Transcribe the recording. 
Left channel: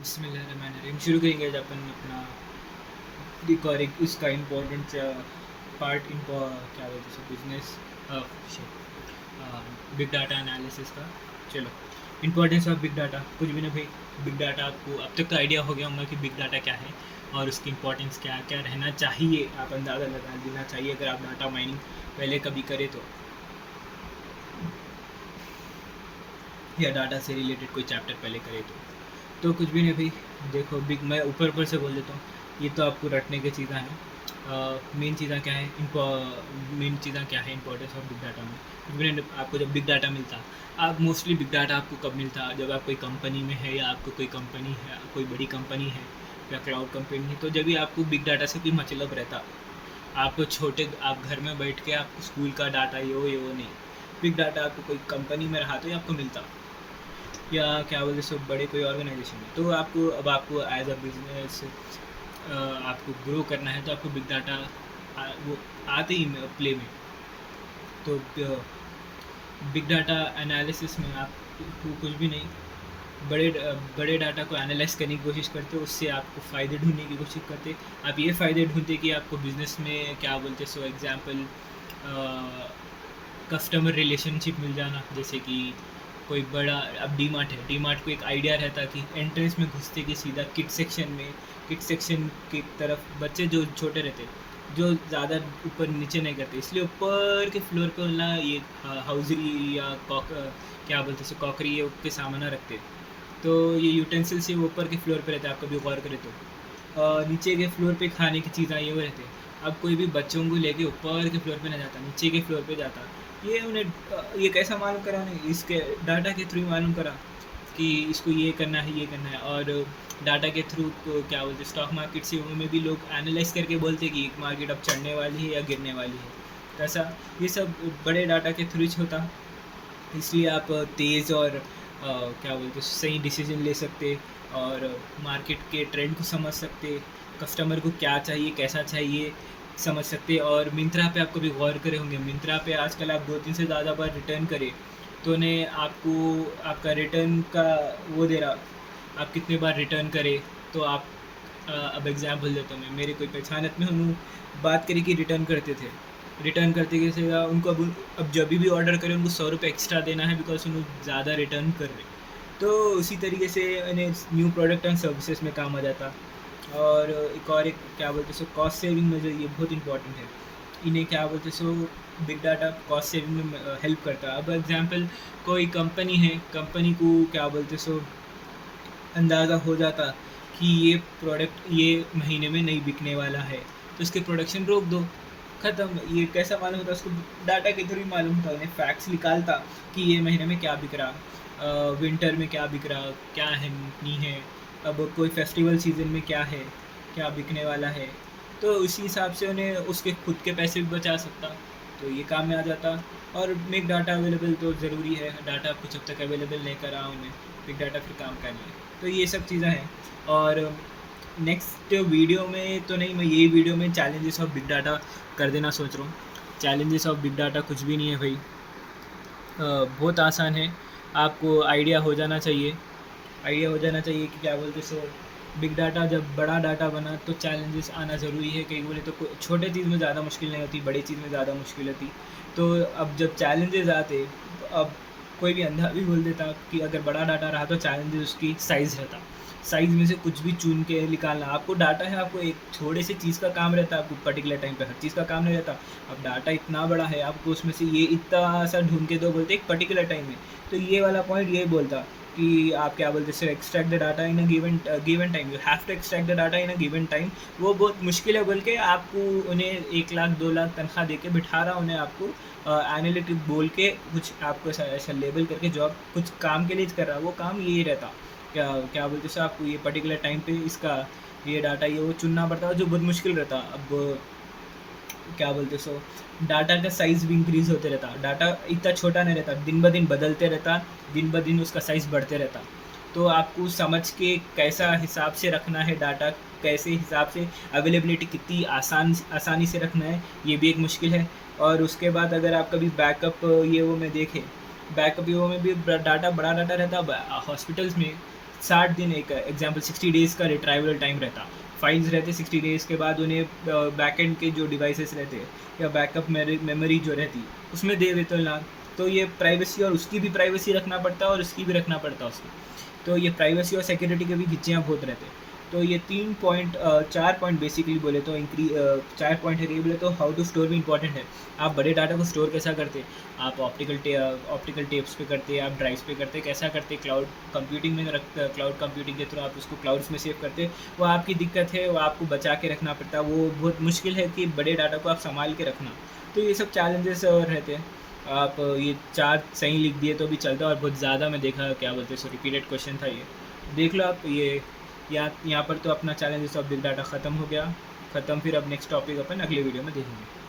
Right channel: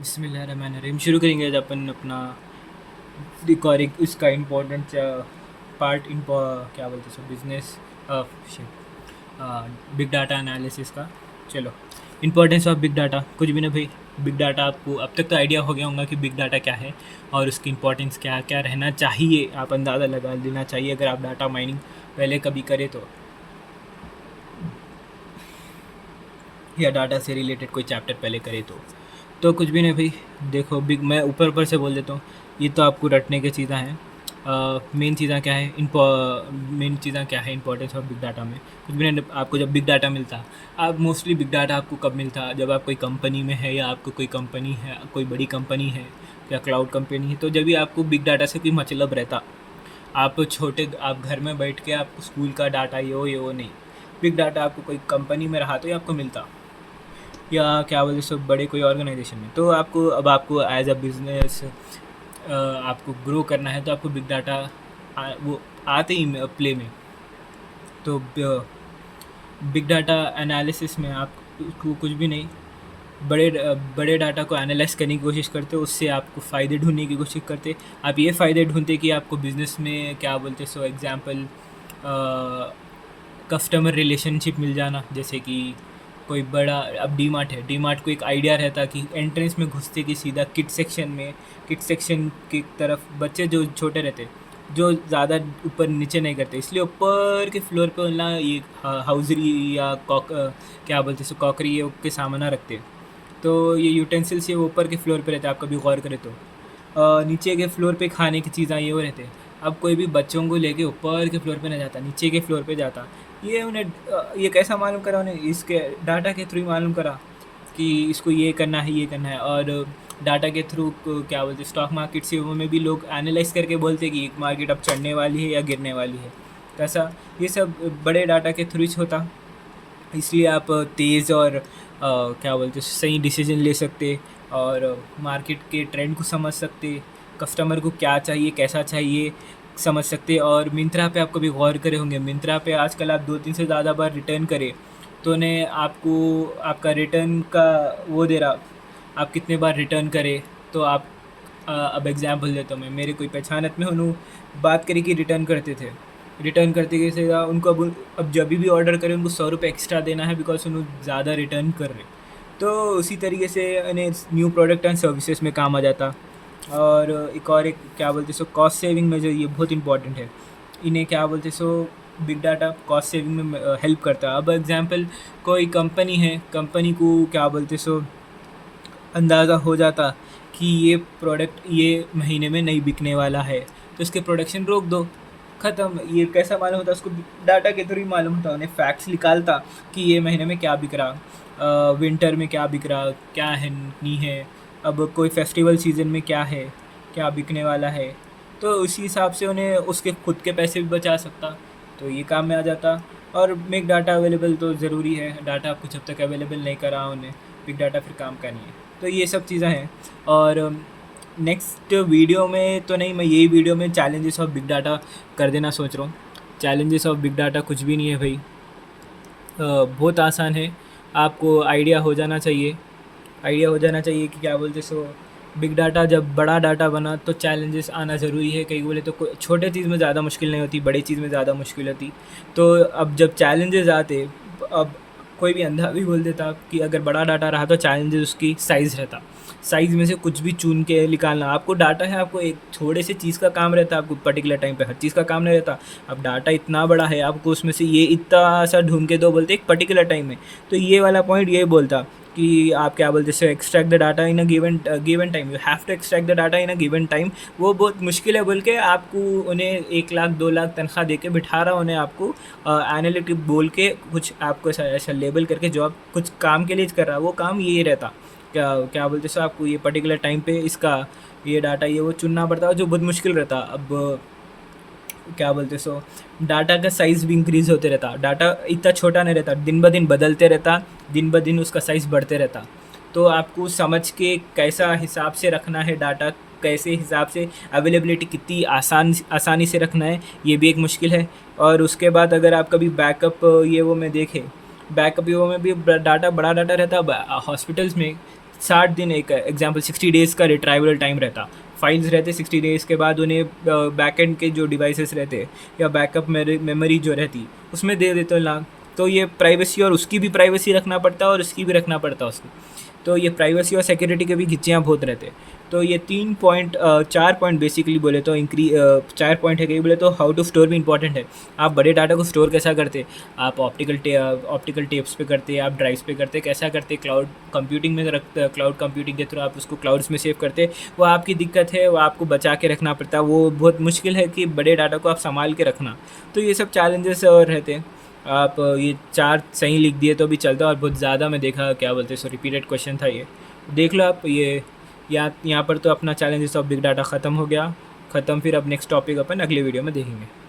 बिस्मिल्लाहिर्रहमानिर्रहीम। शुरू करेंगे आज अपन अपना रिकॉर्डिंग इसका इम्पोर्टेंट पार्ट इन क्या बोलते हैं बिजनेस बिग डाटा एनालिसिस का। चलो, इम्पोर्टेंस ऑफ बिग डाटा कुछ भी नहीं भाई। बिग डाटा आपको अब तक तो आइडिया हो गया होगा कि बिग डाटा क्या है और उसकी इम्पोर्टेंस क्या क्या रहना चाहिए। आप अंदाज़ा लगा लेना चाहिए अगर आप डाटा माइनिंग पहले कभी करें तो, या डाटा से रिलेटेड कोई चैप्टर पहले करे तो कुछ भी नहीं भाई। देखो बिग, मैं ऊपर ऊपर से बोल देता हूँ, ये तो आपको रटने की चीज़ें हैं। मेन चीज़ें क्या है, मेन चीज़ें क्या है इंपॉर्टेंस ऑफ बिग डाटा में कुछ भी नहीं। आपको जब बिग डाटा मिलता, आप मोस्टली बिग डाटा आपको कब मिलता, जब आप कोई कंपनी में है या आपको कोई कंपनी है, कोई बड़ी कंपनी है या क्लाउड कंपनी है, तो जब भी आपको बिग डाटा से कोई मतलब रहता। आप घर में बैठ के आपको स्कूल का डाटा ये वो नहीं, बिग डाटा आपको कोई कंपनी में रहा तो ये आपको मिलता, या क्या बोलते सब बड़े कोई ऑर्गेनाइजेशन में। तो आपको एज अ बिजनेस आपको ग्रो करना है तो आपको बिग डाटा वो आते ही प्ले में। तो बिग डाटा एनालिसिस में आप कुछ भी नहीं, बड़े डाटा को एनालाइज करने की कोशिश करते हो, उससे आपको फ़ायदे ढूंढने की कोशिश करते। आप ये फ़ायदे ढूंढते कि आपको बिज़नेस में क्या बोलते सो एग्ज़ाम्पल कस्टमर रिलेशनशिप मिल जाना। जैसे कि कोई बड़ा, अब डी मार्ट है, डी मार्ट को एक आइडिया रहता कि एंट्रेंस में घुसते कि सीधा किड सेक्शन की तरफ बच्चे जो छोटे रहते, जो ज़्यादा ऊपर नीचे नहीं करते, इसलिए ऊपर के फ्लोर पे ना ये हाउजरी या क्या बोलते हैं कॉकरी ये के सामान रखते। तो ये यूटेंसिल्स ये ऊपर के फ्लोर पे रहते हैं, आप कभी गौर करें तो। नीचे के फ्लोर पे खाने की चीज़ें ये वो रहते हैं। अब कोई भी बच्चों को लेके ऊपर के फ्लोर पे नहीं जाता, नीचे के फ्लोर पे जाता। ये उन्हें ये कैसा मालूम करा, उन्हें इसके डाटा के थ्रू मालूम करा कि इसको ये करना है ये करना है। और डाटा के थ्रू क्या बोलते स्टॉक मार्केट से वो में भी लोग एनालाइज करके बोलते कि एक मार्केट अब चढ़ने वाली है या गिरने वाली है। तो ऐसा ये सब बड़े डाटा के थ्रू होता, इसलिए आप तेज़ और क्या बोलते सही डिसीजन ले सकते और मार्केट के ट्रेंड को समझ सकते, कस्टमर को क्या चाहिए कैसा चाहिए समझ सकते। और मिंत्रा पे आप कभी गौर करे होंगे, मिंत्रा पे आजकल आप 2-3 से ज़्यादा बार रिटर्न करें तो उन्हें आपको आपका रिटर्न का वो दे रहा, आप कितने बार रिटर्न करें। तो आप अब एग्जाम्पल देता हूँ मैं, मेरे कोई पहचानत में उन्होंने बात करी कि रिटर्न करते थे, रिटर्न करते कैसे था उनको, अब जब भी ऑर्डर करें उनको 100 रुपये एक्स्ट्रा देना है बिकॉज उन्होंने ज़्यादा रिटर्न कर रहे। तो उसी तरीके से इन्हें न्यू प्रोडक्ट एंड सर्विसेज में काम आ जाता। और एक क्या बोलते सो कॉस्ट सेविंग में जो ये बहुत इंपॉर्टेंट है, इन्हें क्या बोलते so big data cost saving में हेल्प करता है। अब एग्जांपल कोई कंपनी है, कंपनी को क्या बोलते सो अंदाज़ा हो जाता कि ये प्रोडक्ट ये महीने में नहीं बिकने वाला है, तो इसके प्रोडक्शन रोक दो, ख़त्म। ये कैसा मालूम होता, उसको डाटा के थ्रू ही मालूम होता, उन्हें फैक्ट्स निकालता कि ये महीने में क्या बिक रहा, विंटर में क्या बिक रहा, क्या है नहीं है, अब कोई फेस्टिवल सीज़न में क्या है, क्या बिकने वाला है। तो उसी हिसाब से उन्हें उसके खुद के पैसे भी बचा सकता, तो ये काम में आ जाता। और मेक डाटा अवेलेबल तो ज़रूरी है, डाटा आपको जब तक अवेलेबल नहीं करा उन्हें बिग डाटा फिर काम का नहीं है। तो ये सब चीज़ें हैं। और नेक्स्ट वीडियो में तो नहीं, मैं यही वीडियो में चैलेंजेस ऑफ बिग डाटा कर देना सोच रहा हूँ। चैलेंजेस ऑफ बिग डाटा कुछ भी नहीं है भाई, बहुत आसान है। आपको आइडिया हो जाना चाहिए, आइडिया हो जाना चाहिए कि क्या बोलते सो बिग डाटा जब बड़ा डाटा बना तो चैलेंजेस आना ज़रूरी है। कहीं बोले तो छोटे चीज़ में ज़्यादा मुश्किल नहीं होती, बड़ी चीज़ में ज़्यादा मुश्किल होती। तो अब जब चैलेंजेस आते, अब कोई भी अंधा भी बोल देता कि अगर बड़ा डाटा रहा तो चैलेंजेस उसकी साइज़ रहता, साइज़ में से कुछ भी चुन के निकालना। आपको डाटा है, आपको एक थोड़े से चीज़ का काम रहता है, आपको पर्टिकुलर टाइम पे हर चीज़ का काम नहीं रहता। अब डाटा इतना बड़ा है, आपको उसमें से ये इतना सा ढूंढ के दो बोलते एक पर्टिकुलर टाइम में। तो ये वाला पॉइंट ये बोलता कि आप क्या बोलते हैं extract the data in a given time, you have to extract the data in a given time. वो बहुत मुश्किल है बोल के आपको उन्हें 1 लाख 2 लाख तनख्वाह दे के बिठा रहा, उन्हें आपको एनालिटिक बोल के कुछ आपको ऐसा लेबल करके जो आप कुछ काम के लिए कर रहा, वो काम ये रहता। क्या क्या बोलते सो आपको ये पर्टिकुलर टाइम पे इसका ये डाटा ये वो चुनना पड़ता, जो बहुत मुश्किल रहता। अब क्या बोलते सो डाटा का साइज़ भी इंक्रीज़ होते रहता, डाटा इतना छोटा नहीं रहता, दिन ब दिन बदलते रहता, दिन ब दिन उसका साइज़ बढ़ते रहता। तो आपको समझ के कैसा हिसाब से रखना है डाटा, कैसे हिसाब से अवेलेबिलिटी कितनी आसानी से रखना है, ये भी एक मुश्किल है। और उसके बाद अगर आप कभी बैकअप ये वो में देखें, बैकअप ये वो में भी डाटा बड़ा डाटा रहता हॉस्पिटल्स में। 60 दिन, एक एग्जांपल 60 डेज़ का रिट्राइवल टाइम रहता, फाइल्स रहते 60 डेज़ के बाद उन्हें बैकएंड के जो डिवाइसेस रहते या बैकअप मेमोरी जो रहती उसमें दे देते ना। तो ये प्राइवेसी, और उसकी भी प्राइवेसी रखना पड़ता और उसकी भी रखना पड़ता उसकी। तो ये प्राइवेसी और सिक्योरिटी के भी घिच्चियाँ बहुत रहते। तो ये 4 पॉइंट बेसिकली बोले तो 4 पॉइंट है कि बोले तो हाउ टू स्टोर भी इंपॉर्टेंट है। आप बड़े डाटा को स्टोर कैसा करते, आप ऑप्टिकल टेप्स पे करते, आप ड्राइव्स पे करते, कैसा करते, क्लाउड कंप्यूटिंग में रखते, क्लाउड कंप्यूटिंग के थ्रू आप उसको क्लाउड्स में सेव करते। वो आपकी दिक्कत है, वो आपको बचा के रखना पड़ता है, वो बहुत मुश्किल है कि बड़े डाटा को आप संभाल के रखना। तो ये सब चैलेंजेस और रहते हैं। आप ये 4 सही लिख दिए तो भी चलता, और बहुत ज़्यादा मैं देखा क्या बोलते हैं, सो रिपीटेड क्वेश्चन था ये, देख लो आप। ये यहाँ पर तो अपना चैलेंजेस ऑफ बिग डाटा ख़त्म हो गया, ख़त्म। फिर अब नेक्स्ट टॉपिक अपन अगले वीडियो में देखेंगे।